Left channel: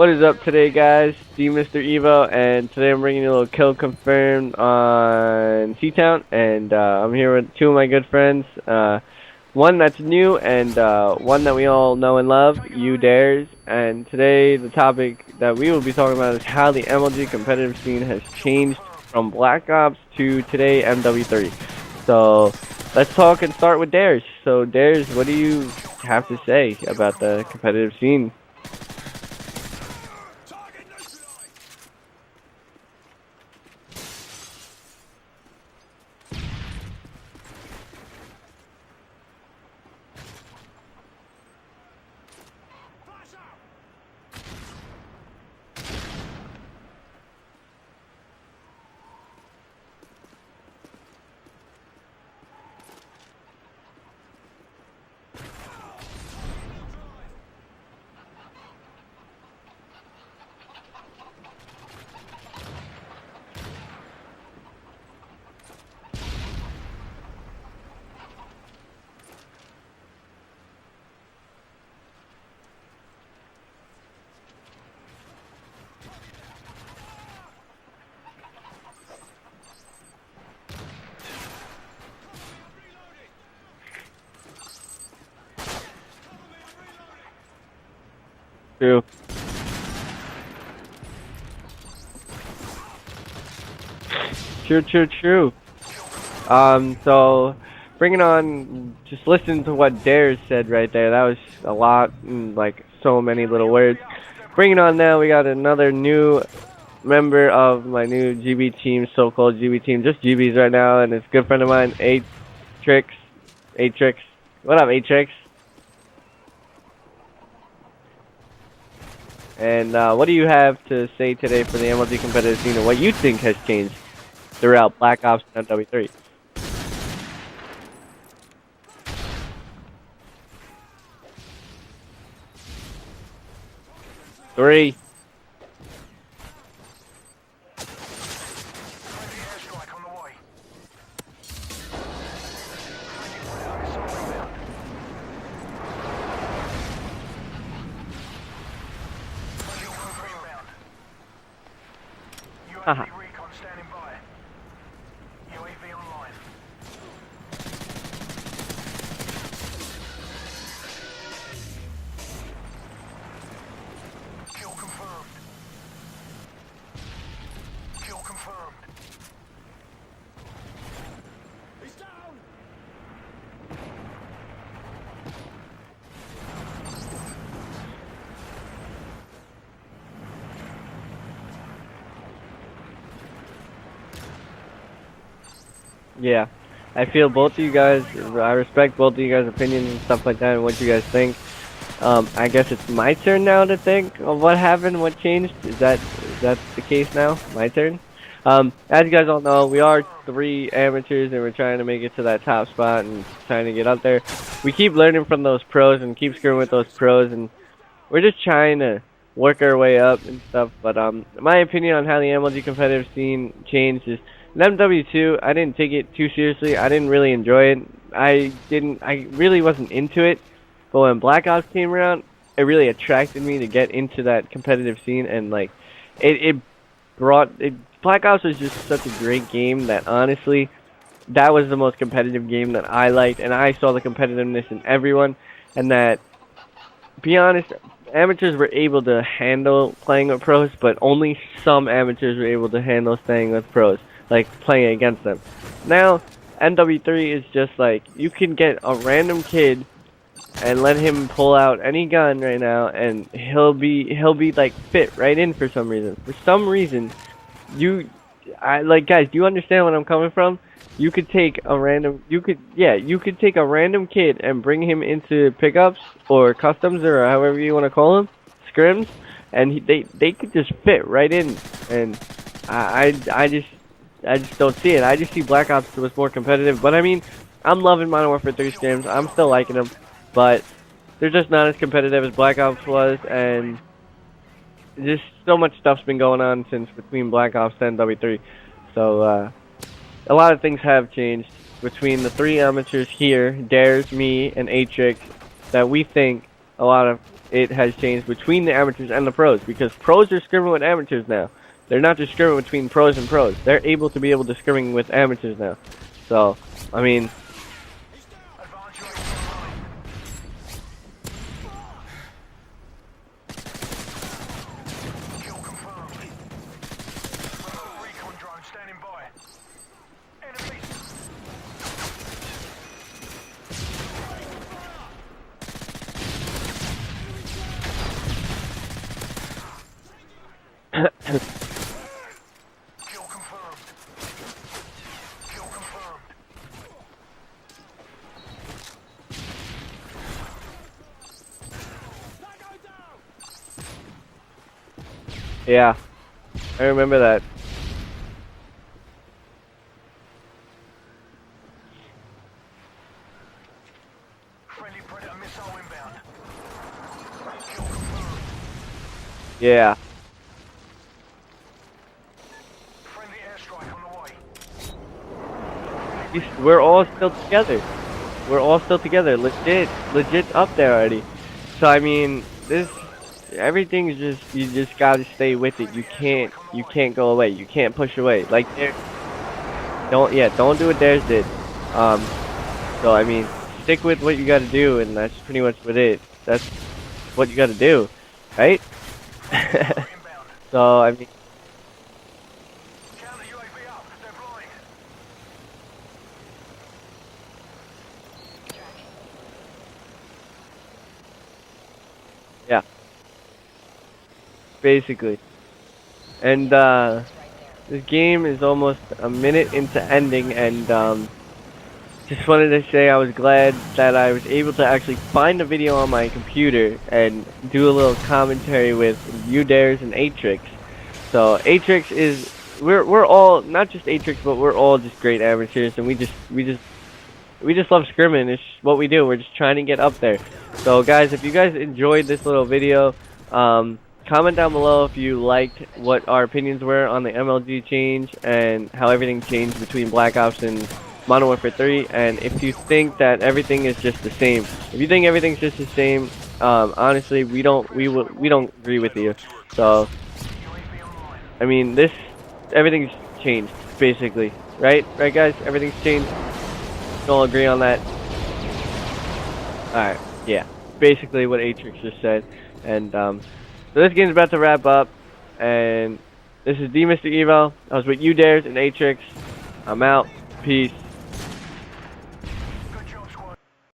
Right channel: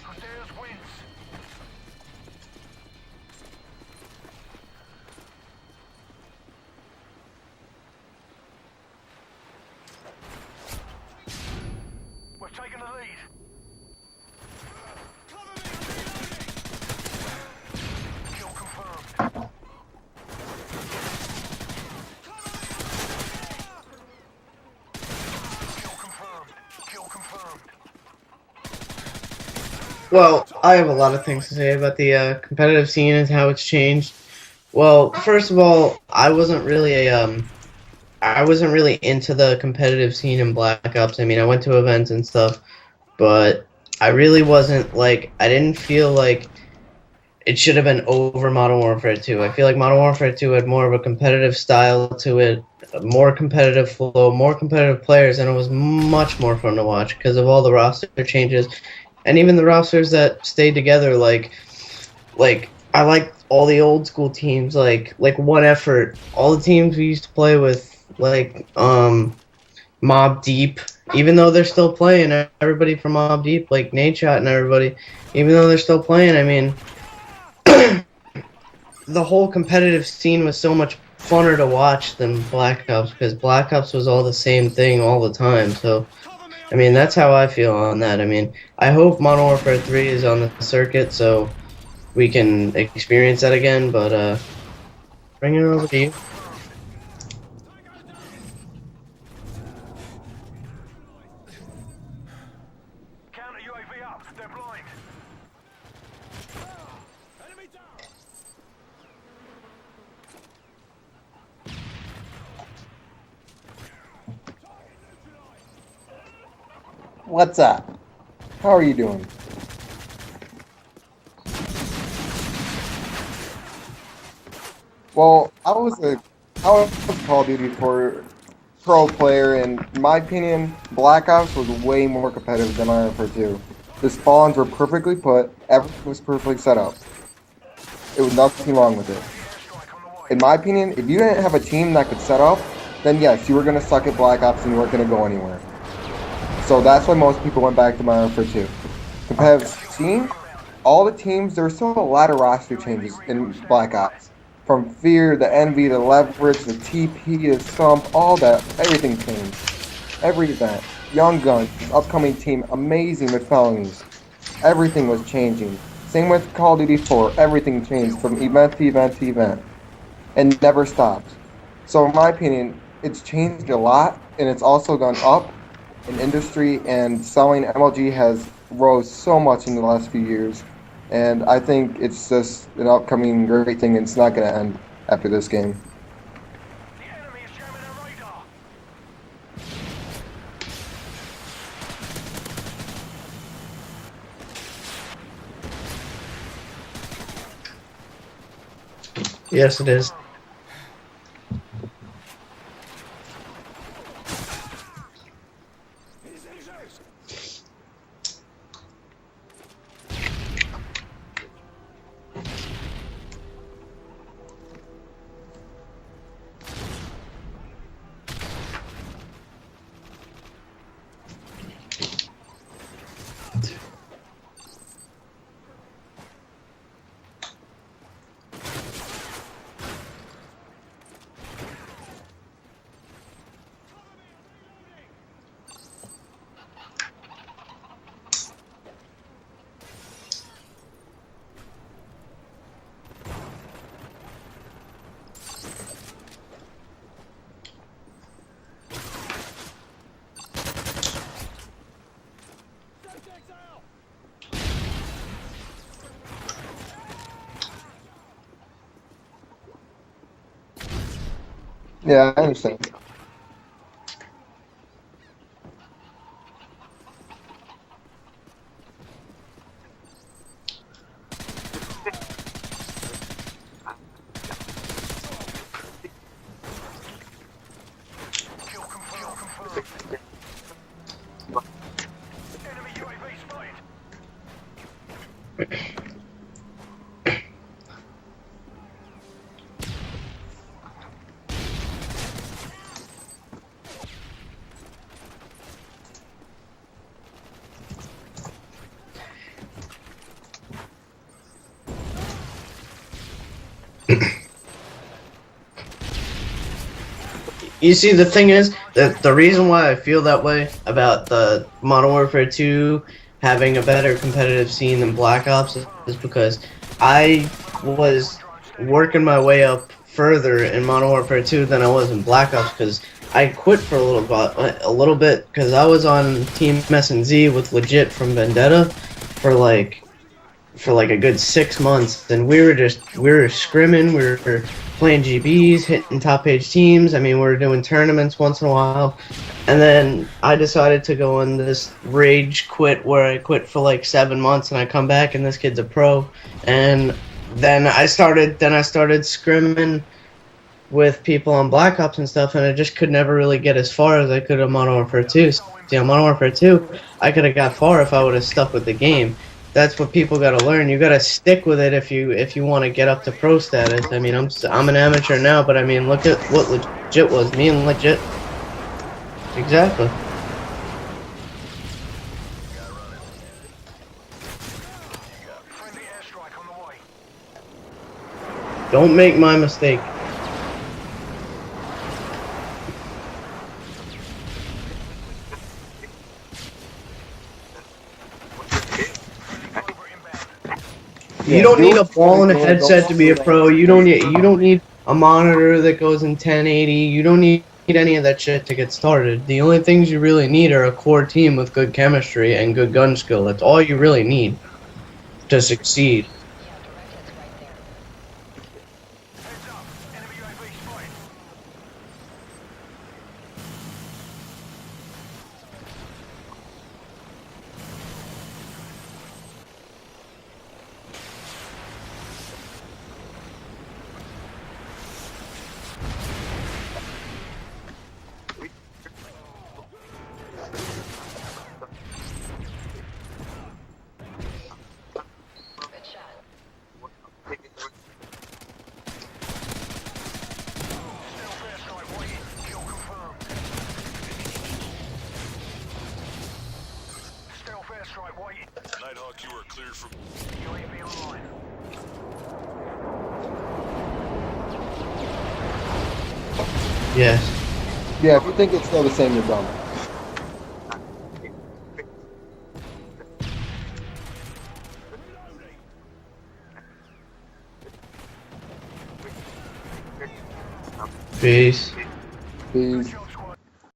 What is up today, guys? Mr. Evo, and today I'm bringing you a little kill confirmed on C-Town, and I'm here with two of my good friends. One that's new, and one that we all know and love, you Dares. And today the topic that we will be talking about is how the MLG competitive scene has changed from Black Ops to today MW3. So let's talk and start with Dares. So Dares, what do you have to say about the competitive scene? Well, I have a lot of things to say about the competitive scene and how it's changed. Well, first of all, I wasn't really into the competitive scene in Black Ops. I mean, I went to events and stuff, but I really wasn't like I didn't feel like it should have been over Modern Warfare 2. I feel like Modern Warfare 2 had more of a competitive style to it, a more competitive flow, more competitive players, and it was much more fun to watch because of all the roster changes and even the rosters that stayed together. Like I like all the old school teams, like One Effort, all the teams we used to play with, Mob Deep. Even though they're still playing, everybody from Mob Deep, like Nadeshot and everybody, even though they're still playing, I mean, the whole competitive scene was so much funner to watch than Black Ops because Black Ops was all the same thing all the time. So I mean, that's how I feel on that. I mean, I True. hope Modern Warfare 3 is on the circuit so we can experience that again, but True, true, true. bring it over to you. So bringing on, just listen to what Dares said right there. That was a lot, like so many little words. Bringing on now, we got another new member of my new GB team, so-called GB team, just GBs right now, and it's a good friend of mine, Atrix. Atrix. What up, Atrix? What's up? How are you doing? And what do you have to say today for the MLG competitive scene and what you think has changed throughout Black Ops Well, and I was W3? a Call of Duty for pro player, and in my opinion, Black Ops was way more competitive than Iron for 2. The spawns were Great. perfectly put, everything was perfectly set up. It was nothing wrong with it. In my opinion, if you didn't have a team that could set up, then yes, you were gonna suck at Black Ops and you weren't gonna go anywhere. So that's why most people went back to Iron for 2. Competitive scene, all the teams, there were still a lot of roster changes in Black Ops. From Fear, the Envy, the Leverage, the TP, the Stump, all that, everything changed. Every event. Young Guns, upcoming team, amazing with felonies. Everything was changing. Same with Call of Duty 4, everything changed from event to event to event. And never stopped. So in my opinion, it's changed a lot, and it's also gone up in industry, and selling MLG has rose so much in the last few years. And I think it's just an upcoming great thing, and it's not going to end after this game. Yeah, I feel both of you guys. I respect both of you guys' opinions and stuff like that, and what you guys think. I guess it's my turn now to think of what happened, what changed. Is that the case now? My turn. As you guys all know, Yes, we it are is. three amateurs, and we're trying to make it to that top spot and trying to get up there. We keep learning from those pros and keep screwing with those pros, and we're just trying to work our way up and stuff. But my opinion on how the MLG competitive scene changed is in MW2, I didn't take it too seriously. I didn't really enjoy it. I really wasn't into it. But when Black Ops came around, it really attracted me to get into that competitive scene, and like, it brought it. Black Ops was just such a great game that honestly, that was the most competitive game that I liked, and I saw the competitiveness in everyone, and that, be honest, amateurs were able to handle playing with pros, but only some amateurs were able to handle staying with pros, like playing against them. Now, NW3 is just like, you can get a random kid and let him pull out any gun right now, and he'll be like fit right in for some reason. For some reason, you, I like, guys. Do you understand what I'm coming from? You could take a random, Yeah, I understand. yeah, you could take a random kid and bring him into pickups or customs or however you want to call them, scrims, and they could just fit right in. And I just don't see it. I just see Black Ops was more competitive. But I mean, I'm loving Modern Warfare 3 scrims. I'm still liking them, but they're just not as competitive as Black Ops was, and just so much stuff's been going on since between Black Ops and W3. So a lot of things have changed between the three amateurs here, Dares, me, and Atrix, that we think a lot of it has changed between the amateurs and the pros, because pros are scrimming with amateurs now. They're not just scrimming between pros and pros. They're able to be able to scrimming with amateurs now. So, I mean, You see, the thing is that the reason why I feel that way about the Modern Warfare 2 having a better competitive scene than Black Ops is because I was working my way up further in Modern Warfare 2 than I was in Black Ops, because I quit for a little bit because I was on Team S&Z with Legit from Vendetta for like a good 6 months. Then we were scrimming, we were playing GBs, hitting top page teams. I mean, we were doing tournaments once in a while. And then I decided to go on this rage quit where I quit for like 7 months, and I come back and this kid's Yeah. a pro. And I remember that. Then I started scrimming with people on Black Ops and stuff, and I just could never really get as far as I could on Modern Warfare 2. See, on Modern Warfare 2, I could have got far if I would have stuck with the game. Yeah. That's what people got to learn. You got to stick with it if you want to get up to pro status. I mean, I'm an amateur now, but I mean, look at what We're all Legit still was. together. Me and Legit. We're all still together. Exactly. Legit's up there already. So I mean, everything's you just gotta stay with it. You can't go away. You can't push away. Like, Don't make my mistake. don't do what theirs did. So I mean, stick with what you gotta do, and that's pretty much what it. That's what you gotta do, right? So I mean, You don't need a ball and a headset to be a pro. You don't need a monitor that goes in 1080. You don't need any of that shit to get started. The only things you really need are a core team with good chemistry and good gun skill. That's all you really need basically to succeed. And this game is almost a minute into ending, and just wanted to say I was glad that I was able to actually find a video on my computer and do a little commentary with Udares and Atrix. So Atrix is we're all, not just Atrix, but we're all just great amateurs, and we just love scrimming. It's what we do. We're just trying to get up there. So guys, if you guys enjoyed this little video, comment down below if you liked what our opinions were on the MLG change and how everything changed between Black Ops and Modern Warfare 3, and if you think that everything is just the same. If you think everything's just the same, honestly, we don't agree with you. So, I mean, everything's changed, basically. Right, guys? Everything's changed? Yeah. All agree on that? Yeah, if you think it's still the same, you're dumb. Alright, yeah. Basically what Atrix just said. And, so this game's about to wrap up, and this is Mr. Evo. I was with Udares and Atrix. I'm out. Peace. Peace. Peace.